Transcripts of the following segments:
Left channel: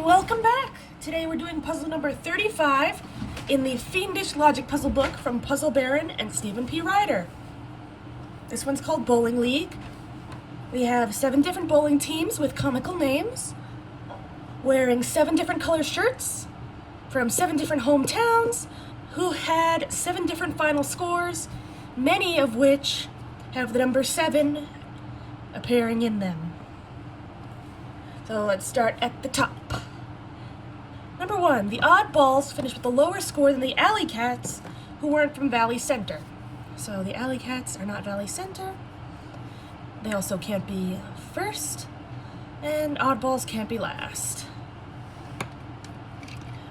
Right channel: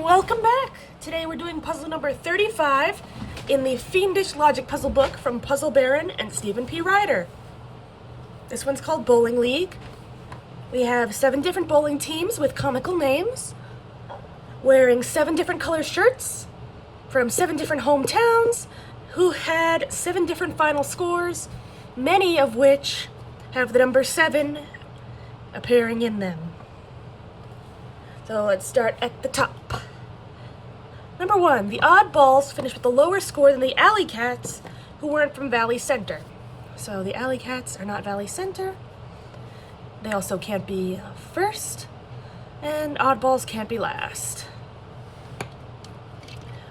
and welcome back! Today we're doing puzzle number 35 in the Fiendish Logic Puzzle book from Puzzle Baron and Stephen P. Ryder. This one's called Bowling League. We have 7 different bowling teams with comical names, wearing 7 different color shirts from 7 different hometowns, who had 7 different final scores, many of which have the number 7 appearing in them. So let's start at the top. Number 1, the oddballs finished with a lower score than the Alley Cats, who weren't from Valley Center. So the Alley Cats are not Valley Center. They also can't be first, and oddballs can't be last.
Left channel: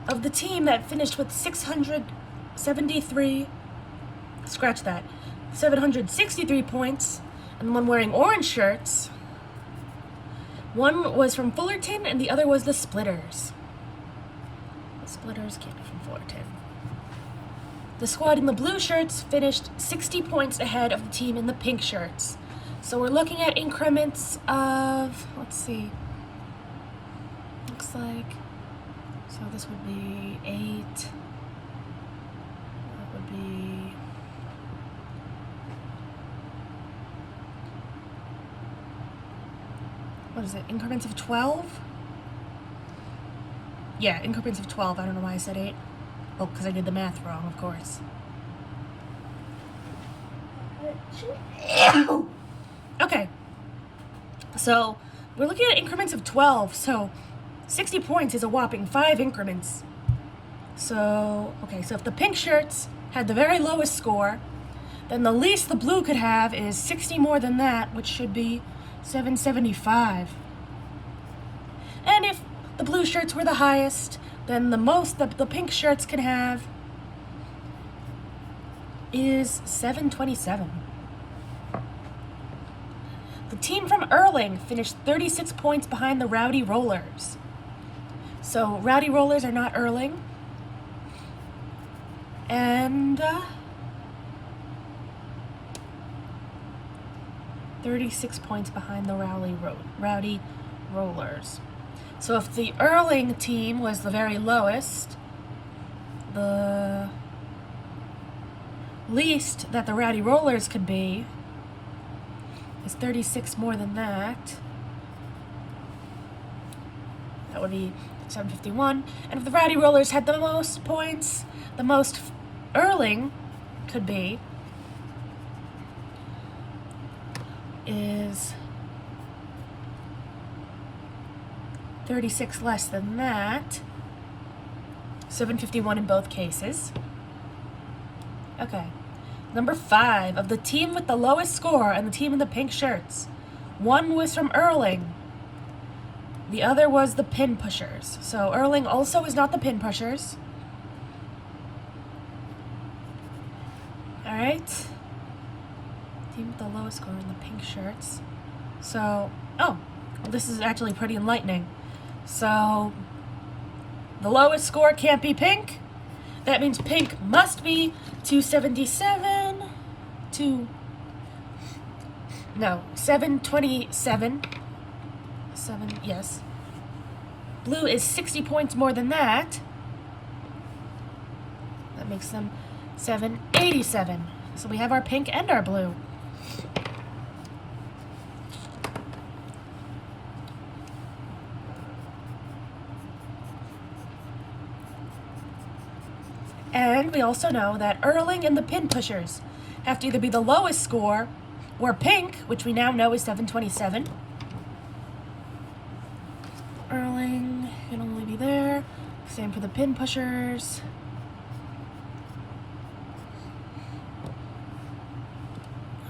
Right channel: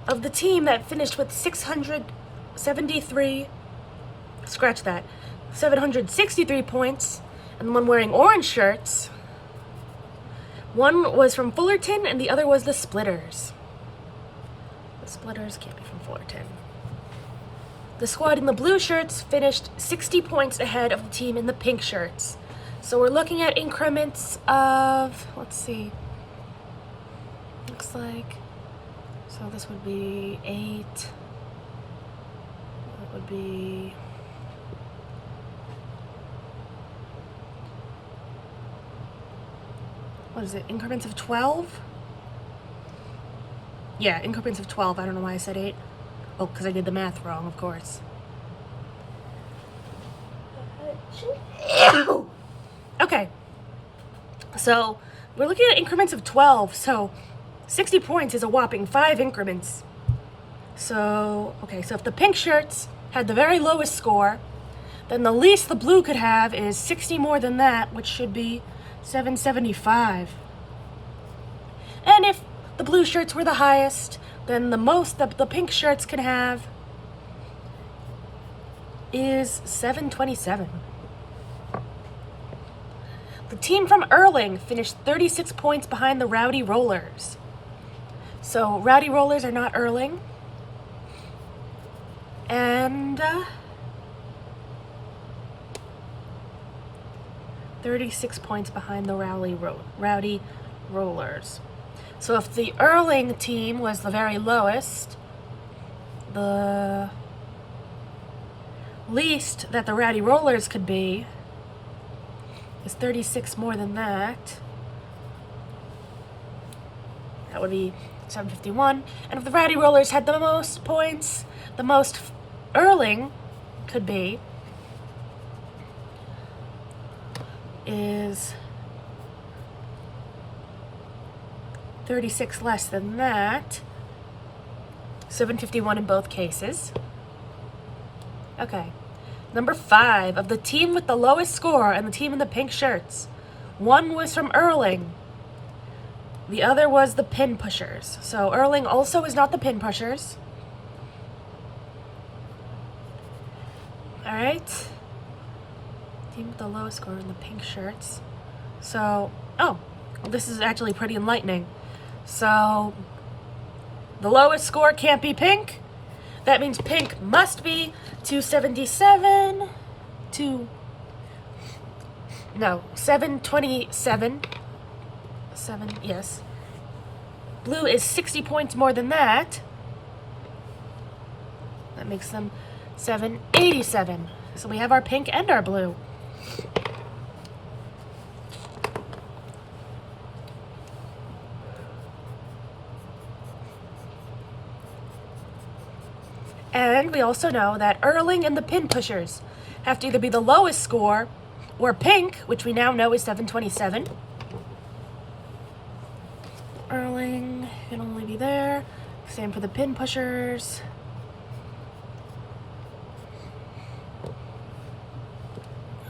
Of the team that finished with 763 points, and the one wearing orange shirts, one was from Fullerton and the other was the Splitters. The Splitters came from Fullerton. The squad in the blue shirts finished 60 points ahead of the team in the pink shirts. So we're looking at increments of, let's see, looks like, so this would be 8, that would be, what is it, increments of 12? Yeah, increments of 12. I don't know why I said 8. Oh, because I did the math wrong, of course. Okay. So, we're looking at increments of 12, so 60 points is a whopping 5 increments. So, okay, so if the pink shirts had the very lowest score, then the least the blue could have is 60 more than that, which should be 775. And if the blue shirts were the highest, then the most that the pink shirts can have is 727. The team from Erling finished 36 points behind the Rowdy Rollers. So Rowdy Rollers are not Erling. And 36 points behind the Rowdy Rollers. So if the Erling team was the very lowest, the least that the Rowdy Rollers could be is 36 more than that. That would be 751. And if the Rowdy Rollers had the most points, the most Erling could be is 36 less than that. 751 in both cases. Okay. Number 5, of the team with the lowest score and the team in the pink shirts. One was from Erling. The other was the Pin Pushers. So Erling also is not the Pin Pushers. Alright. Team with the lowest score in the pink shirts. So, oh, well, this is actually pretty enlightening. So, the lowest score can't be pink. That means pink must be 727. 727. 7, yes. Blue is 60 points more than that. That makes them 787. So we have our pink and our blue. And we also know that Erling and the Pin Pushers have to either be the lowest score or pink, which we now know is 727. Erling can only be there. Same for the Pin Pushers.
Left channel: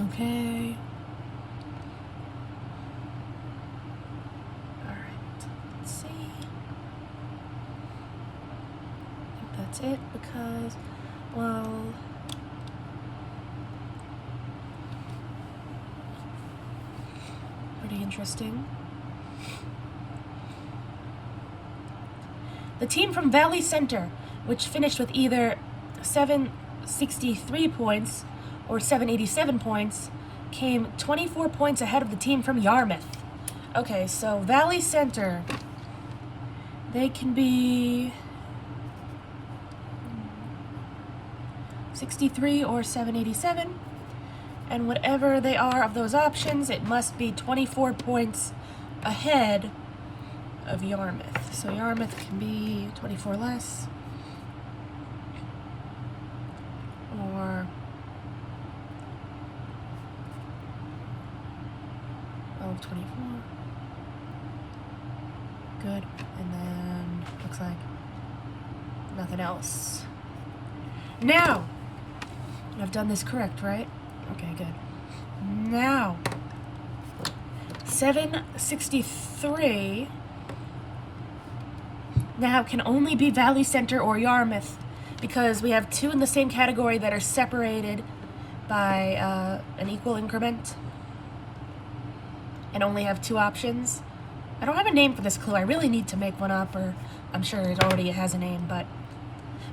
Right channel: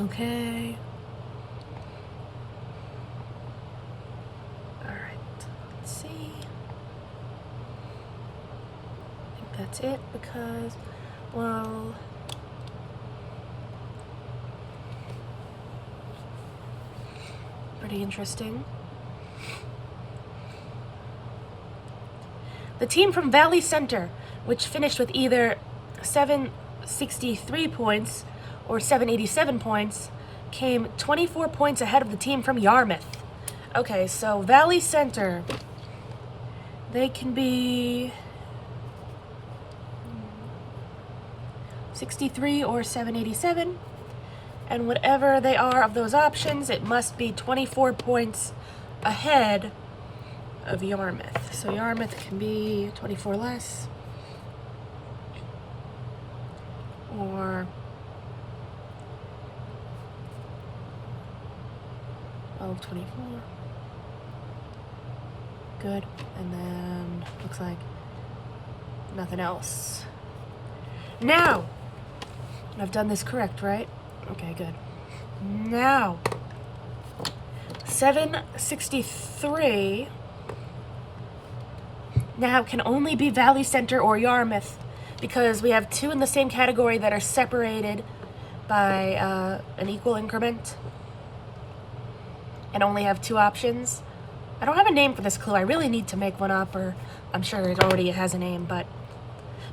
Okay. Alright, let's see. That's it because, well, pretty interesting. The team from Valley Center, which finished with either 763 points or 787 points, came 24 points ahead of the team from Yarmouth. Okay, so Valley Center They can be 63 or 787, and whatever they are of those options, it must be 24 points ahead of Yarmouth. So Yarmouth can be 24 less, or 24. Good. And then looks like nothing else. Now, I've done this correct, right? Okay, good. Now, 763 now can only be Valley Center or Yarmouth because we have two in the same category that are separated by an equal increment and only have two options. I don't have a name for this clue. I really need to make one up, or I'm sure it already has a name, but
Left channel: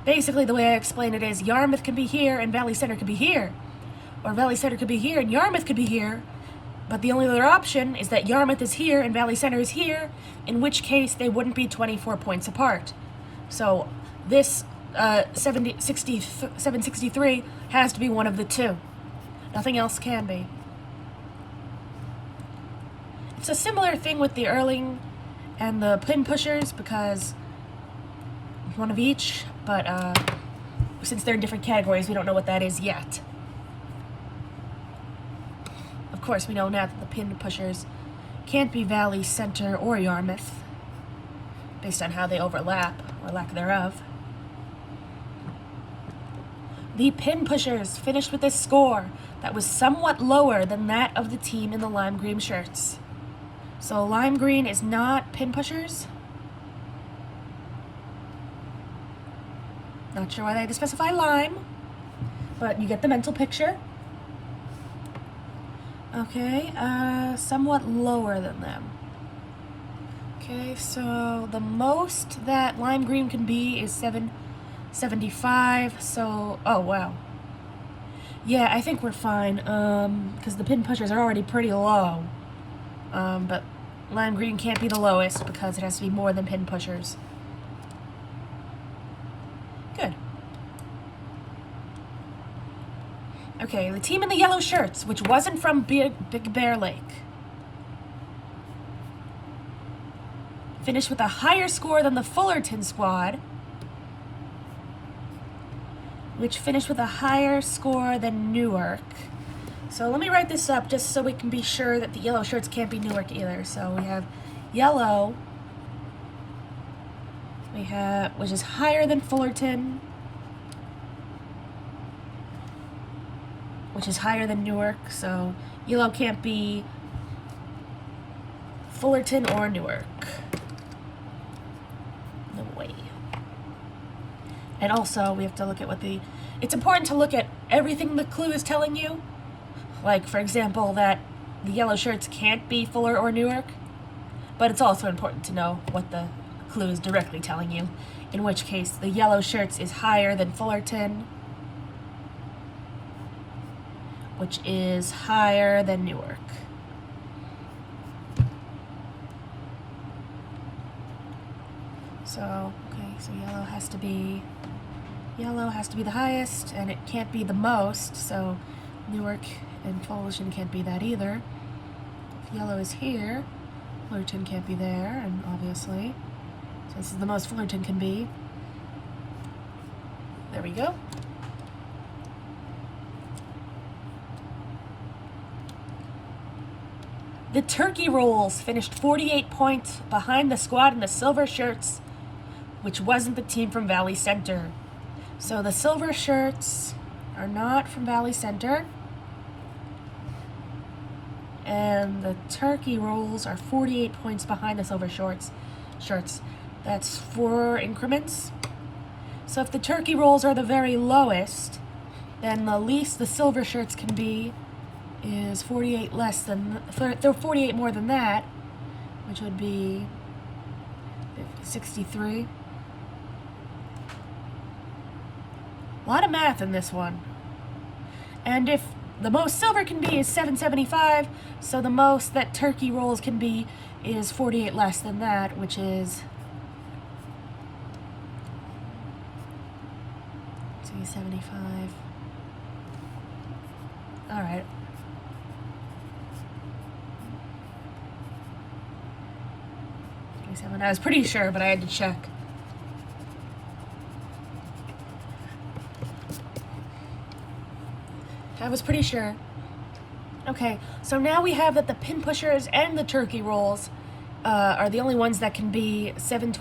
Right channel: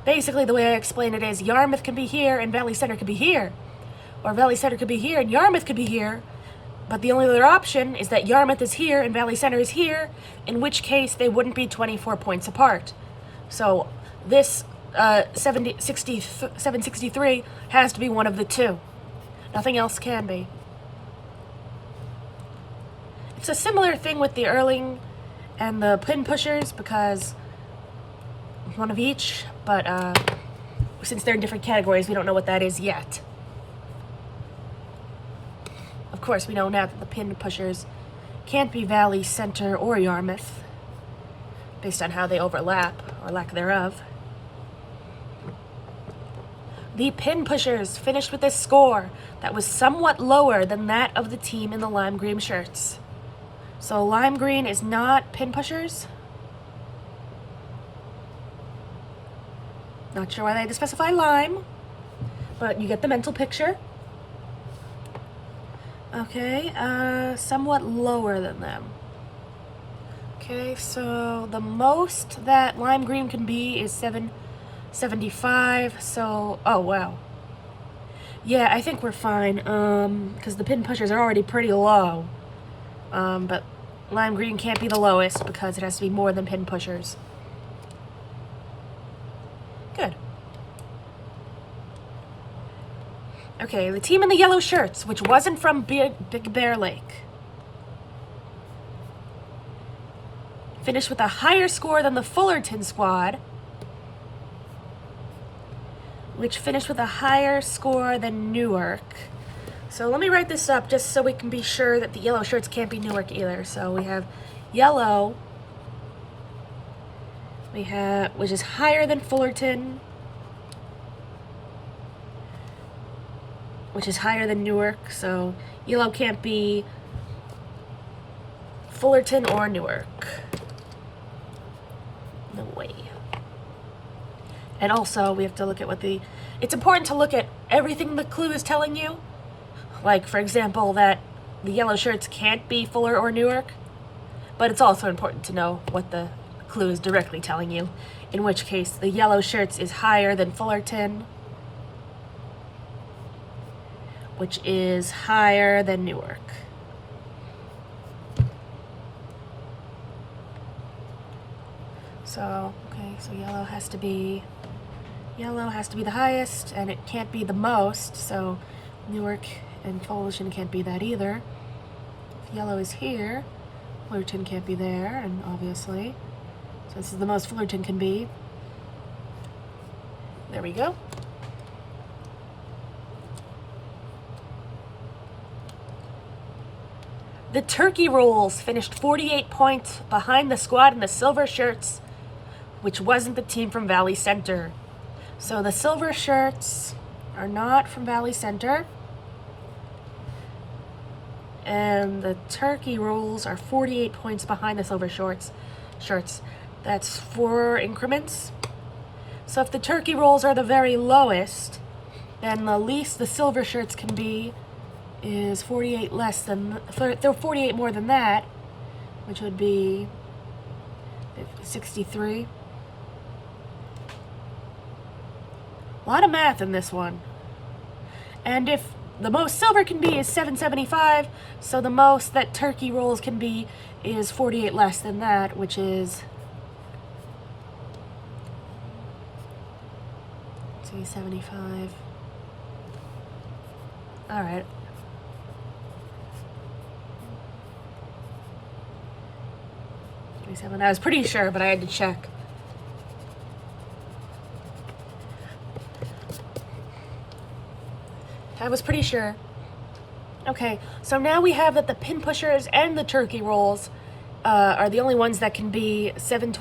basically the way I explain it is Yarmouth can be here and Valley Center could be here. Or Valley Center could be here and Yarmouth could be here, but the only other option is that Yarmouth is here and Valley Center is here, in which case they wouldn't be 24 points apart. So this 763 has to be one of the two. Nothing else can be. It's a similar thing with the Erling and the pin pushers because one of each, but since they're in different categories, we don't know what that is yet. Of course, we know now that the pin pushers can't be Valley Center or Yarmouth, based on how they overlap, or lack thereof. The pin pushers finished with a score that was somewhat lower than that of the team in the lime green shirts. So lime green is not pin pushers. Not sure why they had to specify lime, but you get the mental picture. Okay, somewhat lower than them. Okay, so the most that lime green can be is 775, so, oh wow. Yeah, I think we're fine, because the pin pushers are already pretty low. But lime green can't be the lowest because it has to be more than pin pushers. Good. Okay, the team in the yellow shirts, which wasn't from Big Bear Lake, finished with a higher score than the Fullerton squad, which finished with a higher score than Newark. So let me write this up just so we can be sure that the yellow shirts can't be Newark either. So we have yellow, which is higher than Fullerton, which is higher than Newark. So yellow can't be Fullerton or Newark. No way. And also we have to look at it's important to look at everything the clue is telling you. Like, for example, that the yellow shirts can't be Fuller or Newark, but it's also important to know what the clue is directly telling you, in which case the yellow shirts is higher than Fullerton, which is higher than Newark. So, okay, so yellow has to be the highest, and it can't be the most, so Newark and Fullerton can't be that either. If yellow is here, Fullerton can't be there, and obviously, so this is the most Fullerton can be. There we go. The Turkey Rolls finished 48 points behind the squad in the silver shirts, which wasn't the team from Valley Center. So the silver shirts are not from Valley Center. And the Turkey Rolls are 48 points behind the silver shirts. That's 4 increments. So if the Turkey Rolls are the very lowest, then the least the silver shirts can be is 48 less than, they're 48 more than that, which would be 63. A lot of math in this one. And if the most silver can be is 775, so the most that Turkey Rolls can be is 48 less than that, which is 375. All right. I was pretty sure, but I had to check. I was pretty sure. Okay, so now we have that the pin pushers and the turkey rolls are the only ones that can be 7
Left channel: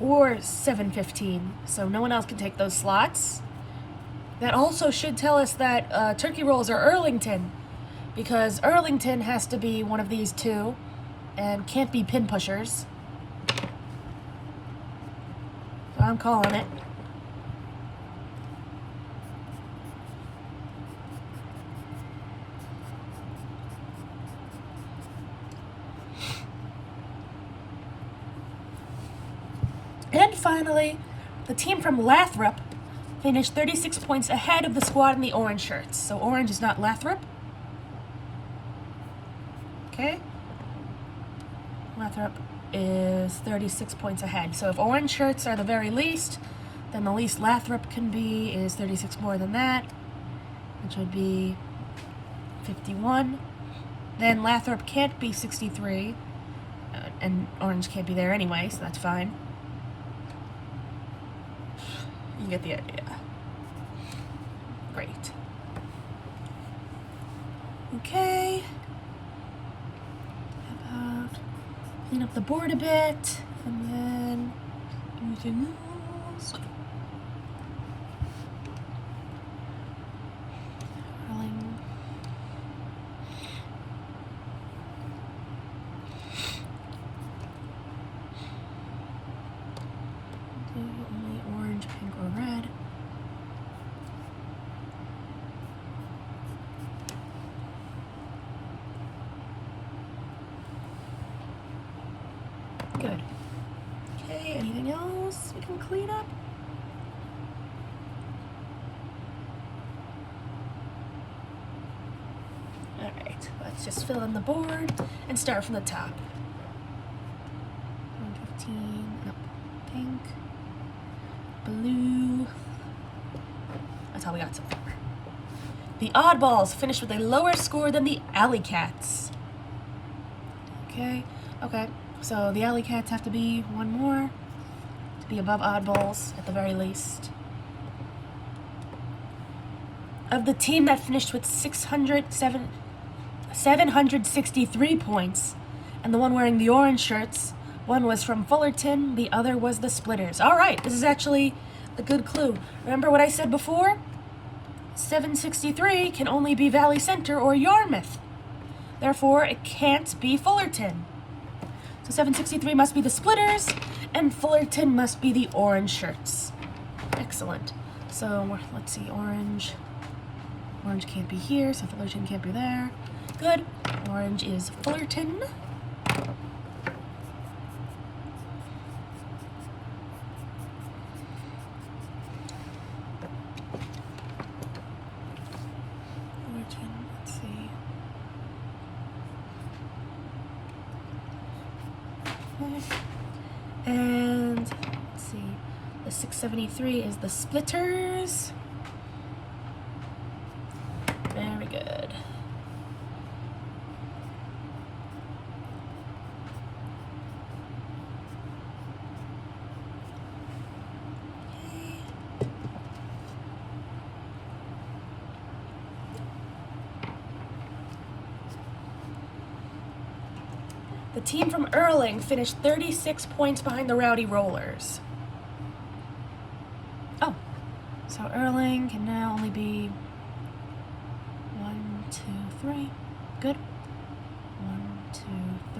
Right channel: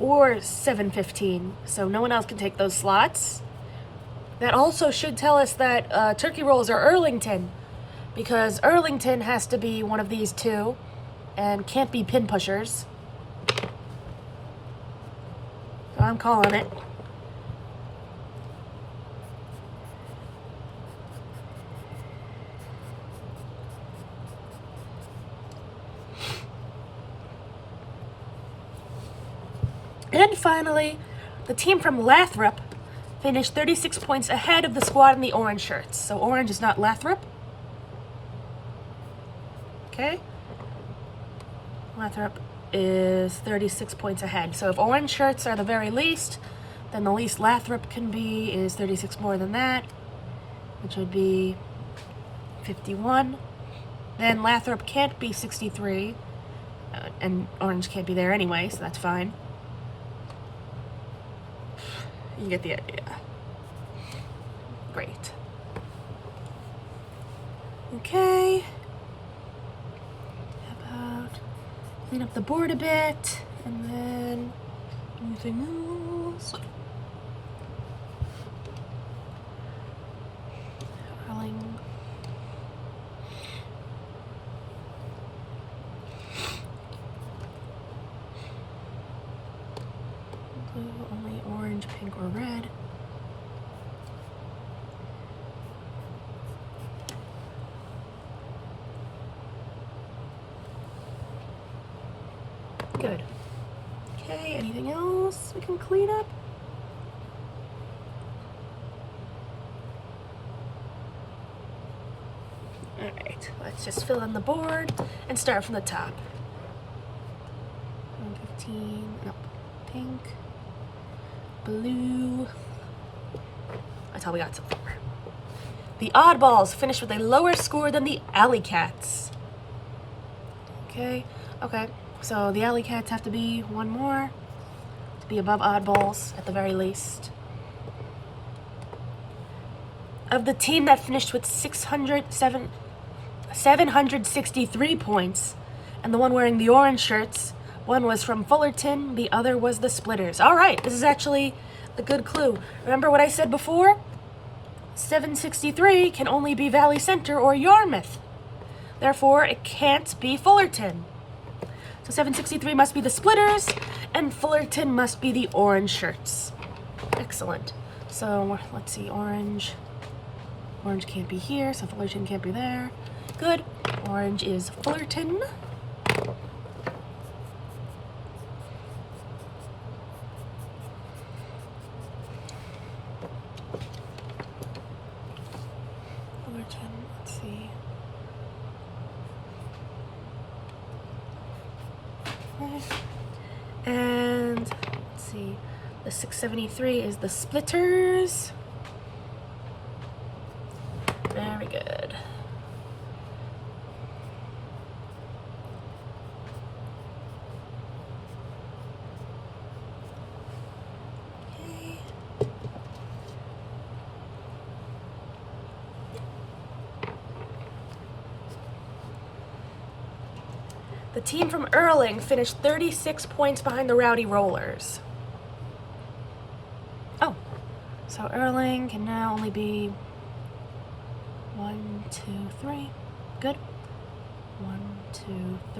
or 715. So no one else can take those slots. That also should tell us that turkey rolls are Earlington, because Earlington has to be one of these two and can't be pin pushers. So I'm calling it. And finally, the team from Lathrop finished 36 points ahead of the squad in the orange shirts. So orange is not Lathrop. Okay. Lathrop is 36 points ahead. So if orange shirts are the very least, then the least Lathrop can be is 36 more than that, which would be 51. Then Lathrop can't be 63, and orange can't be there anyway, so that's fine. You get the idea. Great. Okay. How about clean up the board a bit, and then anything else? Rolling. Only orange, pink, or red. Good. Okay, anything else we can clean up? Alright, let's just fill in the board and start from the top. 15, no, pink, blue. That's how we got so far. The oddballs finished with a lower score than the alley cats. Okay. So the alley cats have to be one more to be above oddballs at the very least. Of the team that finished with 763 points, and the one wearing the orange shirts, one was from Fullerton, the other was the Splitters. All right, this is actually a good clue. Remember what I said before? 763 can only be Valley Center or Yarmouth. Therefore, it can't be Fullerton. So 763 must be the Splitters, and Fullerton must be the orange shirts. Excellent. So let's see, orange. Orange can't be here, so Fullerton can't be there. Good. Orange is Fullerton. Fullerton, let's see. And let's see, the 673 is the Splitters. Very good. The team from Erling finished 36 points behind the Rowdy Rollers. Oh, so Erling can now only be 1, 2, 3. Good. 1, 2,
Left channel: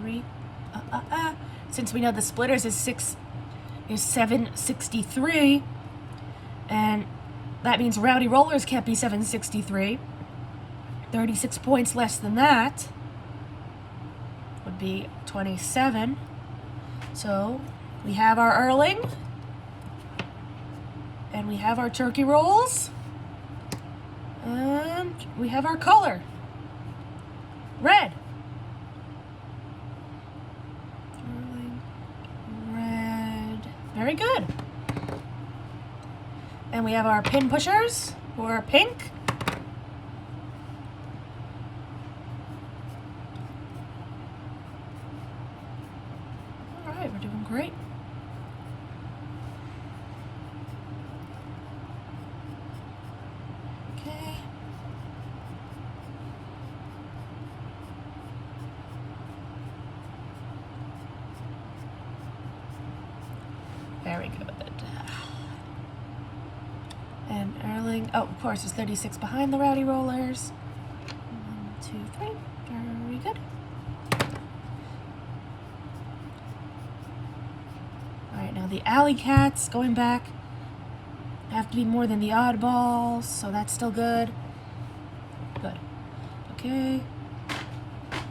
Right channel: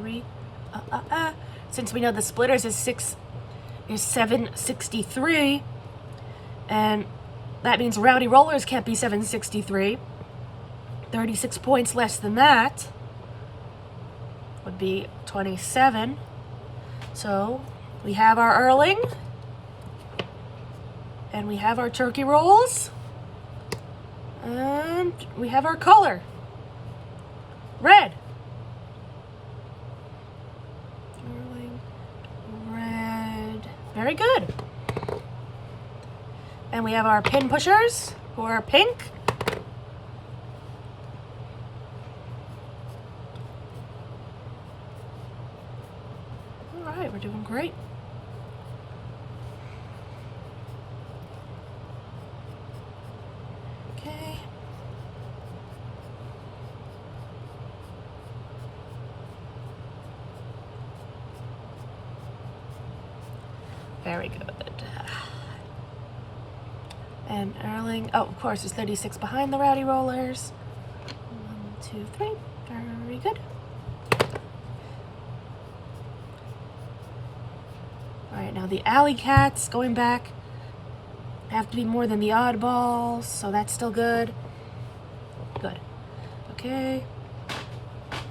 3. Since we know the Splitters is 763, and that means Rowdy Rollers can't be 763. 36 points less than that would be 27. So we have our Erling, and we have our turkey rolls, and we have our color, red. Erling, red. Very good. And we have our pin pushers, who are pink. All right, we're doing great. Okay. Very good. And Erling, oh, of course, is 36 behind the Rowdy Rollers. 1, 2, 3. Very good. All right, now the Alley Cats going back have to be more than the Oddballs, so that's still good. Good. Okay.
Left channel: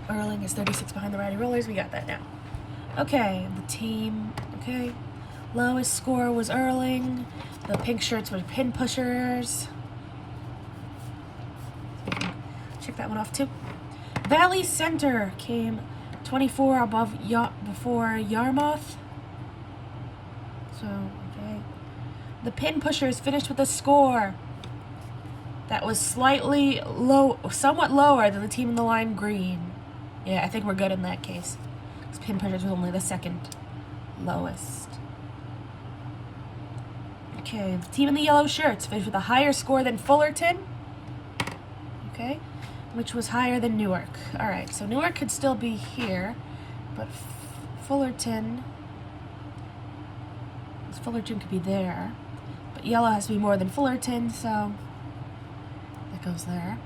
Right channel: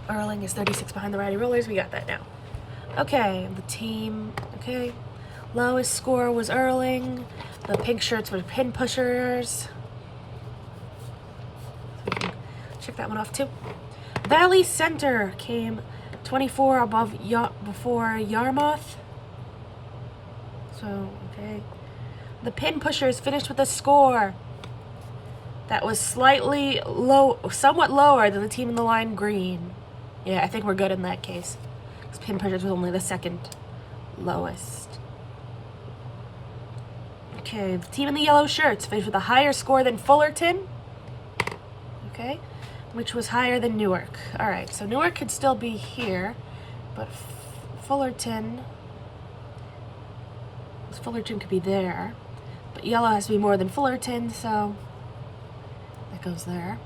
Erling is 36 behind the Rowdy Rollers. We got that now. Okay, the team. Okay. Lowest score was Erling. The pink shirts were pin pushers. Check that one off too. Valley Center came 24 before Yarmouth. So, okay. The pin pushers finished with a score that was slightly somewhat lower than the team in the line green. Yeah, I think we're good in that case. Because pin pushers was only the second lowest. Okay, the team in the yellow shirts finished with a higher score than Fullerton. Okay, which was higher than Newark. All right, so Newark could still be here, but Fullerton could be there. But yellow has to be more than Fullerton, so that goes there.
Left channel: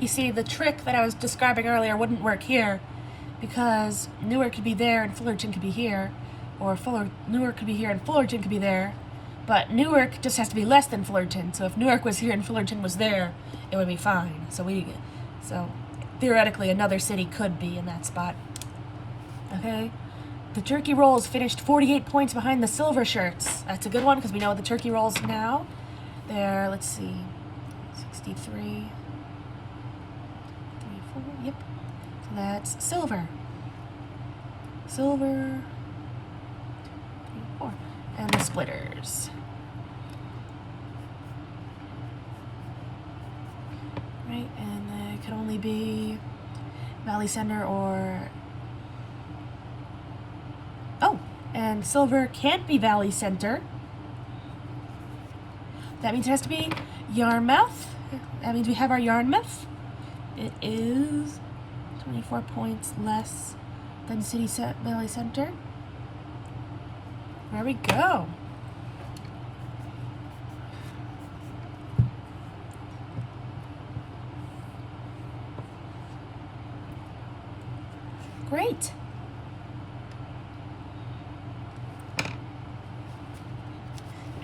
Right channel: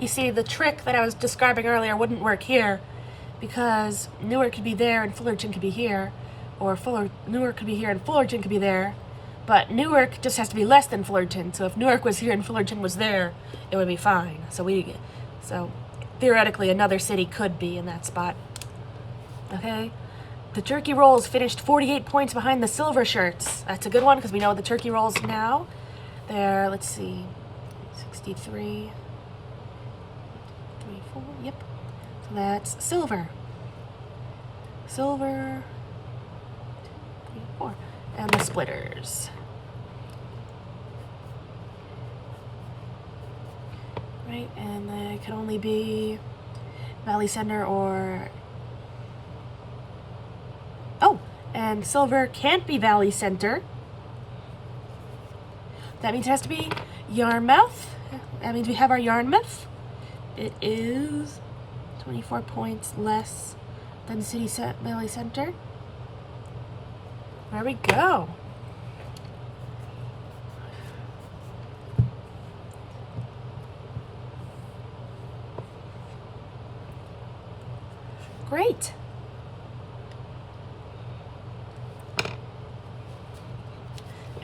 You see, the trick that I was describing earlier wouldn't work here because Newark could be there and Fullerton could be here, or Newark could be here and Fullerton could be there, but Newark just has to be less than Fullerton. So if Newark was here and Fullerton was there, it would be fine. So theoretically, another city could be in that spot. Okay. The Turkey Rolls finished 48 points behind the Silver Shirts. That's a good one because we know the Turkey Rolls now. They're, let's see, 63. Yep. So that's silver. Silver. 4. And the splitters. Right, and they could only be Valley Center or... Oh, and silver can't be Valley Center. That means it has to be Yarmouth. That means we have our Yarmouth. It is 24 points less than Valley Center. There we go. Great.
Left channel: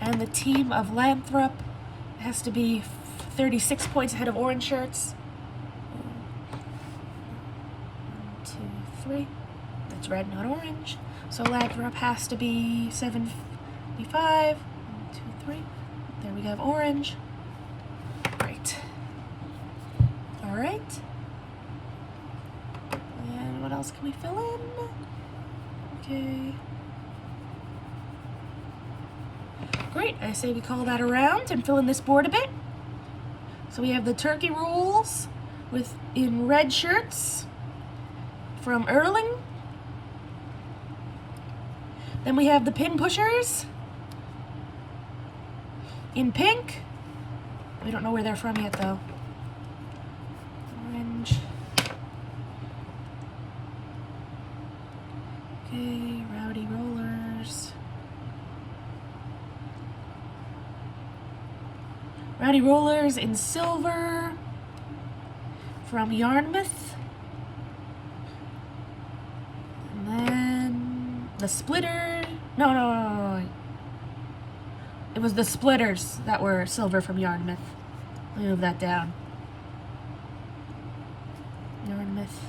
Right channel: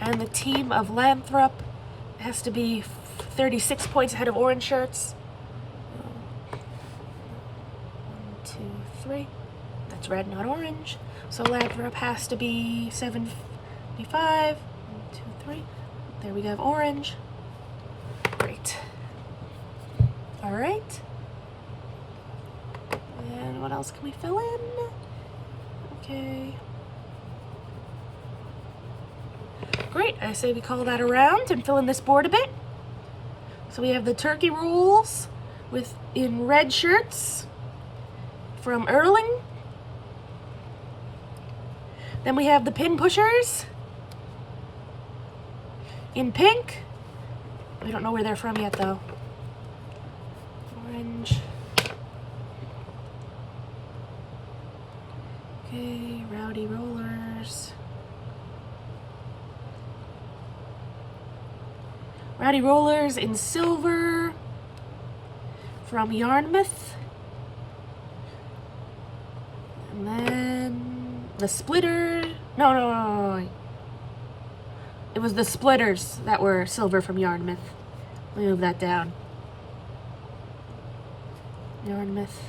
And the team of Lathrop has to be 36 points ahead of Orange Shirts. 1, 2, 3. That's red, not orange. So Lathrop has to be 75. 1, 2, 3. There we have orange. Great. All right. And what else can we fill in? Okay. Great. I say we call that around and fill in this board a bit. So we have the turkey rolls in red shirts from Erling. Then we have the pin pushers in pink. We don't know where they're from yet though. Orange. Okay, Rowdy Rollers. Rowdy Rollers in silver from Yarmouth. And then the splitter. No. It was the splitters that were silver from Yarmouth. Let me move that down. Yarmouth.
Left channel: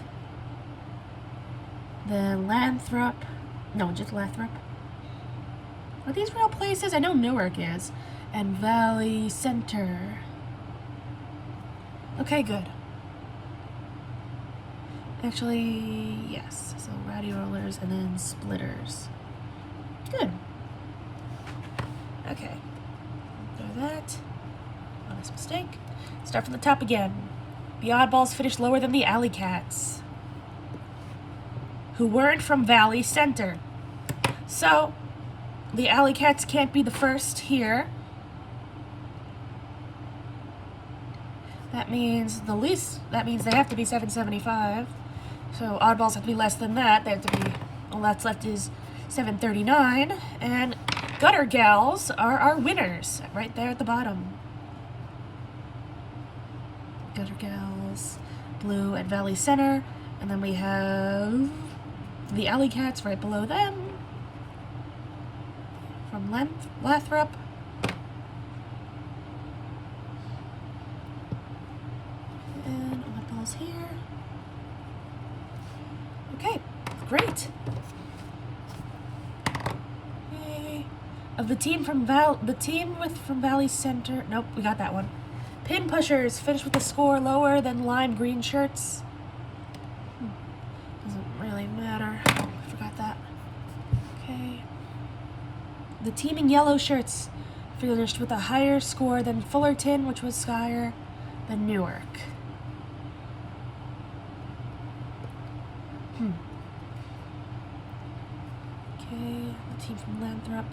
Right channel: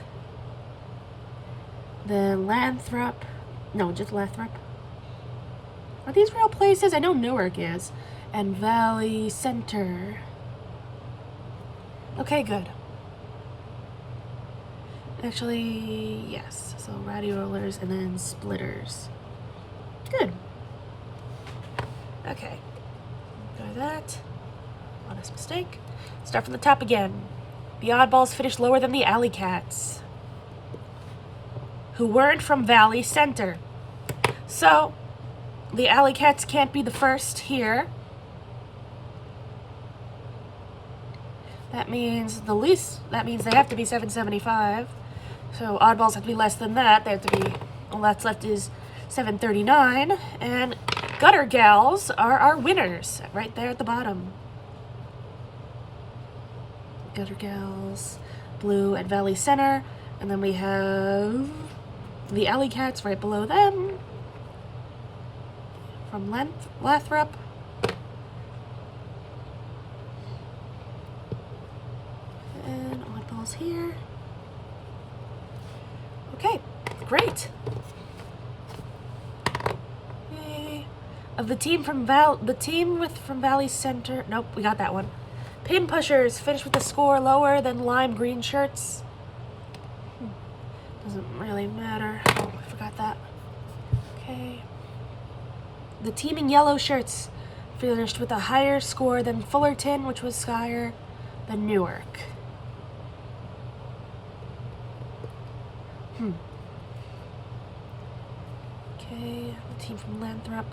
Then Lathrop. No, just Lathrop. Are these real places? I know Newark is. And Valley Center. Okay, good. Actually, yes. So ratty rollers and then splitters. Good. Okay. Do that. Honest mistake. Start from the top again. The oddballs finished lower than the alley cats, who weren't from Valley Center. So, the alley cats can't be the first here. That means they have to be 775. So oddballs have to be less than that. They have to be, all that's left is 739. And gutter gals are our winners, right there at the bottom. Gutter gals, blue at Valley Center. And then we have the alley cats right below them. From Lathrop. And oddballs here. Okay, great. Yay. Of the team from Valley Center. Nope, we got that one. Pin pushers finished with a score lower than lime green shirts. Doesn't really matter. Oh, I forgot that. Okay. The team in yellow shirts finished with a higher score than Fullerton, which was higher than Newark. Okay, the team from Lathrop.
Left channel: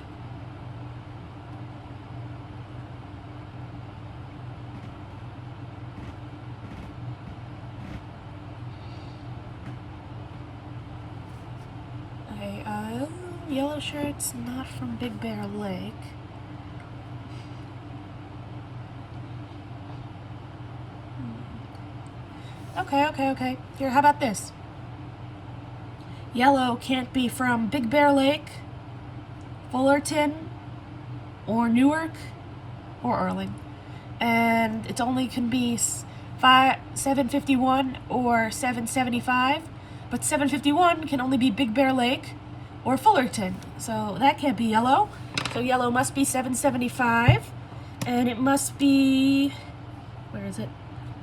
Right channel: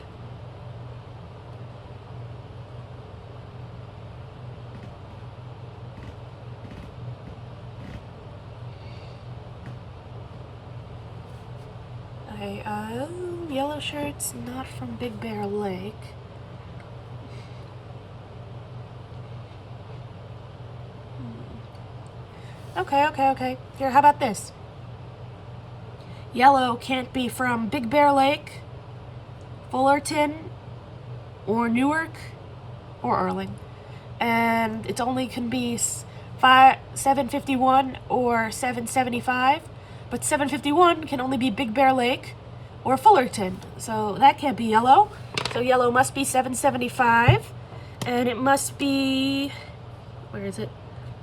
Okay, yellow shirts, not from Big Bear Lake. Okay. Here, how about this? Yellow can't be from Big Bear Lake, Fullerton, or Newark, or Erling. And it only can be 751 or 775, but 751 can only be Big Bear Lake or Fullerton. So that can't be yellow. So yellow must be 775, and it must be, where is it?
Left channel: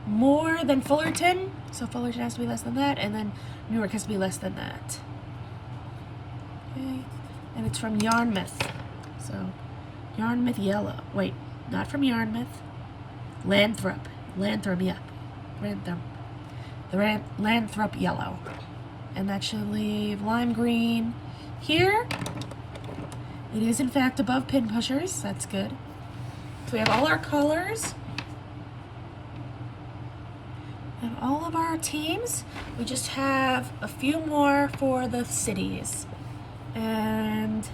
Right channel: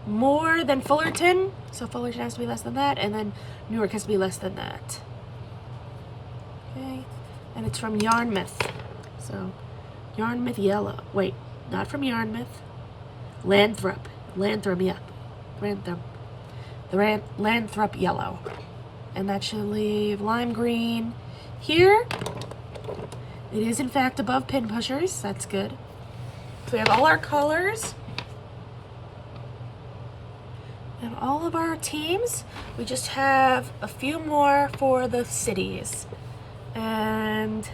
More than Fullerton. So Fullerton has to be less than that, and then Newark has to be less than that. Okay, and it's from Yarmouth. So Yarmouth yellow. Wait, not from Yarmouth. Lathrop, yeah. Lathrop yellow. And that should leave lime green here. It is in fact above pin pushers. That's good. So we have all our colors. And all of our teams. We just have a few more for the cities. And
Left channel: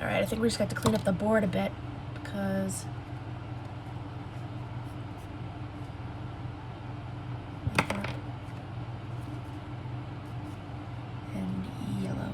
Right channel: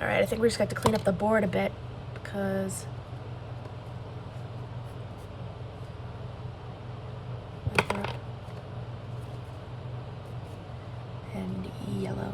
alright, I think we just got to clean up the board a bit because and yellow.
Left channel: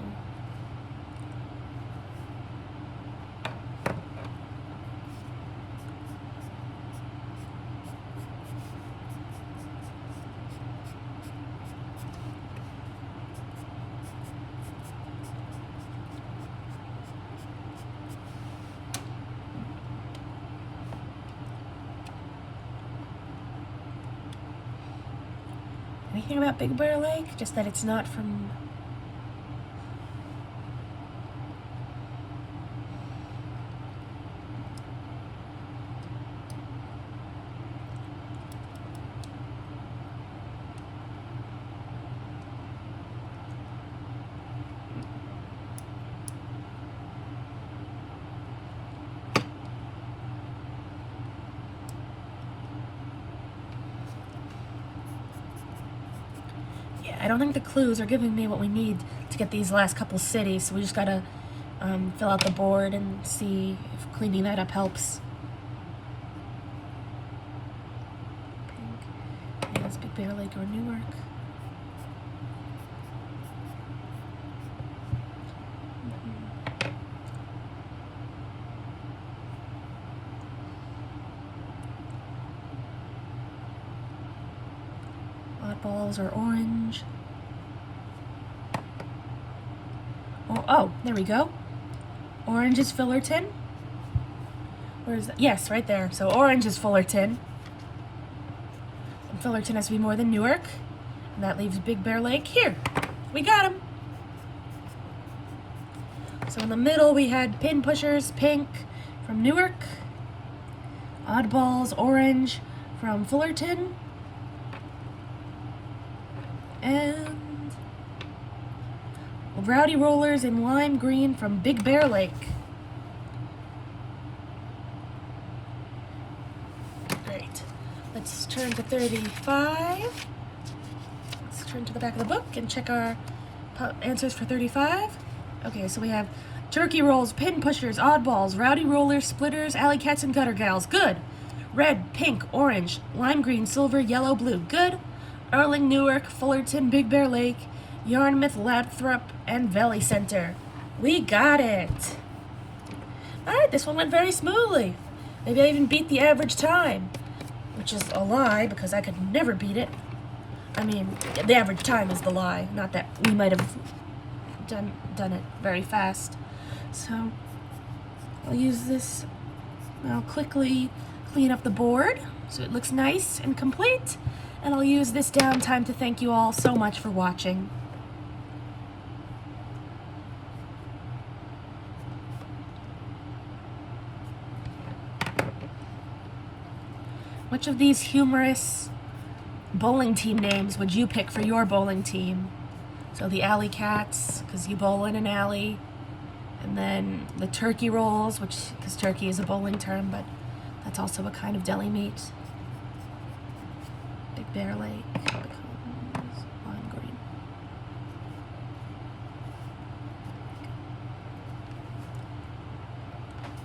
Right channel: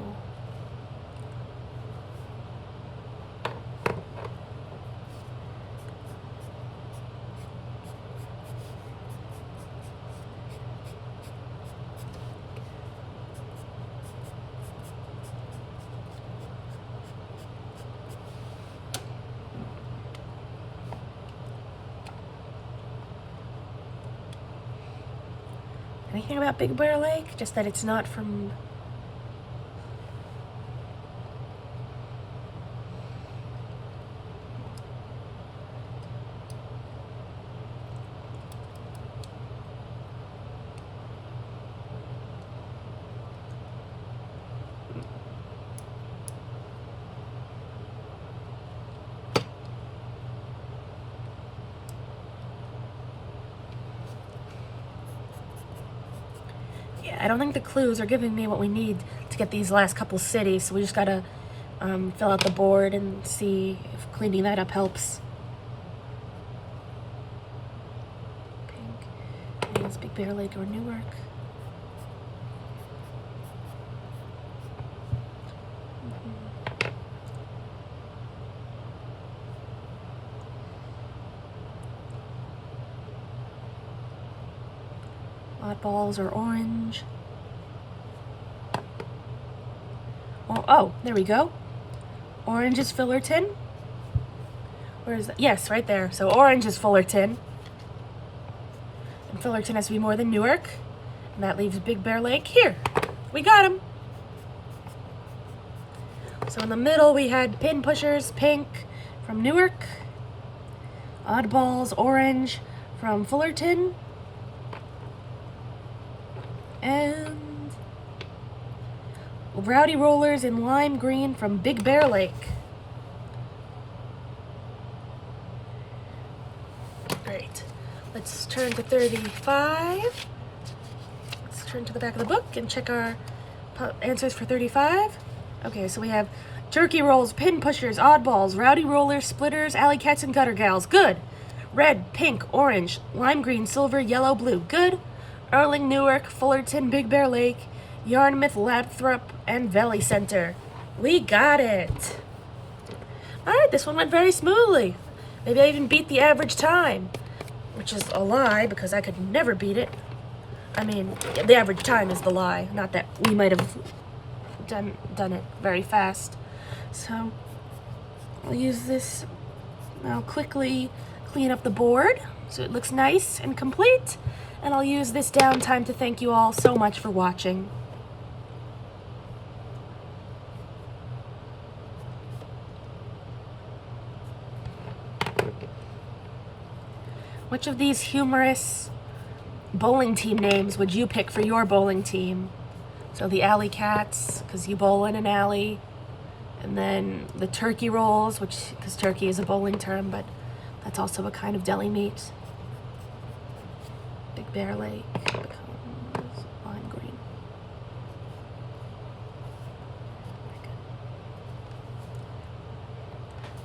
Anything about Big Bear Lake? Just that it's not from... I don't think the clues are giving me what we need to get these last couple cities, so we just gotta fill out the board and see if cleaning that up helps. Pink is Big Bear Lake or Newark. Oddballs are orange. Oh, there we go. Orange is Fullerton. Where is that? Yes, right there. So orange is Fullerton. And Fullerton has to be more than Newark. And that leaves Big Bear Lake here. We got him. So in the middle we had pin pushers, pink from Newark. Oddballs, orange from Fullerton. And Rowdy Rollers in lime green from Big Bear Lake. Great. Let's turn to 35. Let's turn to the back of the book and check our answers for 35. Okay, so we have turkey rolls, pin pushers, oddballs, rowdy rollers, splitters, alley cats, and gutter gals. Good. Red, pink, orange, lime green, silver, yellow, blue. Good. Erling, Newark, Fullerton, Big Bear Lake, Yarmouth, Lathrop, and Valley Center. We got it. All right, this one went very smoothly. Maybe I even beat the average time, which is a lie because I could never beat it. I mean, the average time is the lie, not that we might have done it very fast. So I'll use this. I'll quickly clean up the board so it looks nice and complete. And I'll use this downtime to thank you all so much for watching. Which of these humorous bowling team names would you pick for your bowling team? So the Alley Cats, because you bowl in an alley. And then the Turkey Rolls, because turkey is a bowling term, but that's also a kind of deli meat. Big Bear Lake becomes lime green.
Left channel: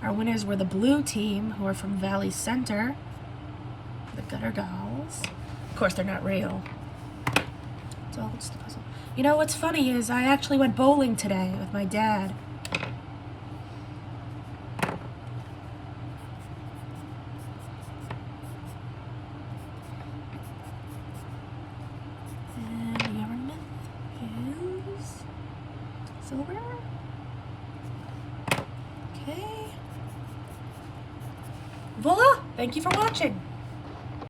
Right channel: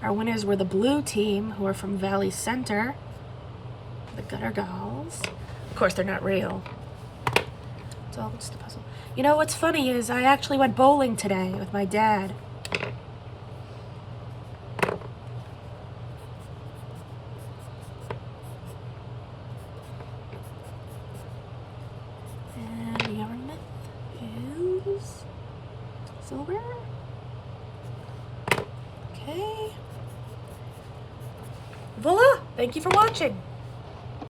Our winners were the blue team, who are from Valley Center. The Gutter Dolls. Of course, they're not real. It's all just a puzzle. You know what's funny is I actually went bowling today with my dad. And Yarmouth is silver. Okay. Voila! Thank you for watching.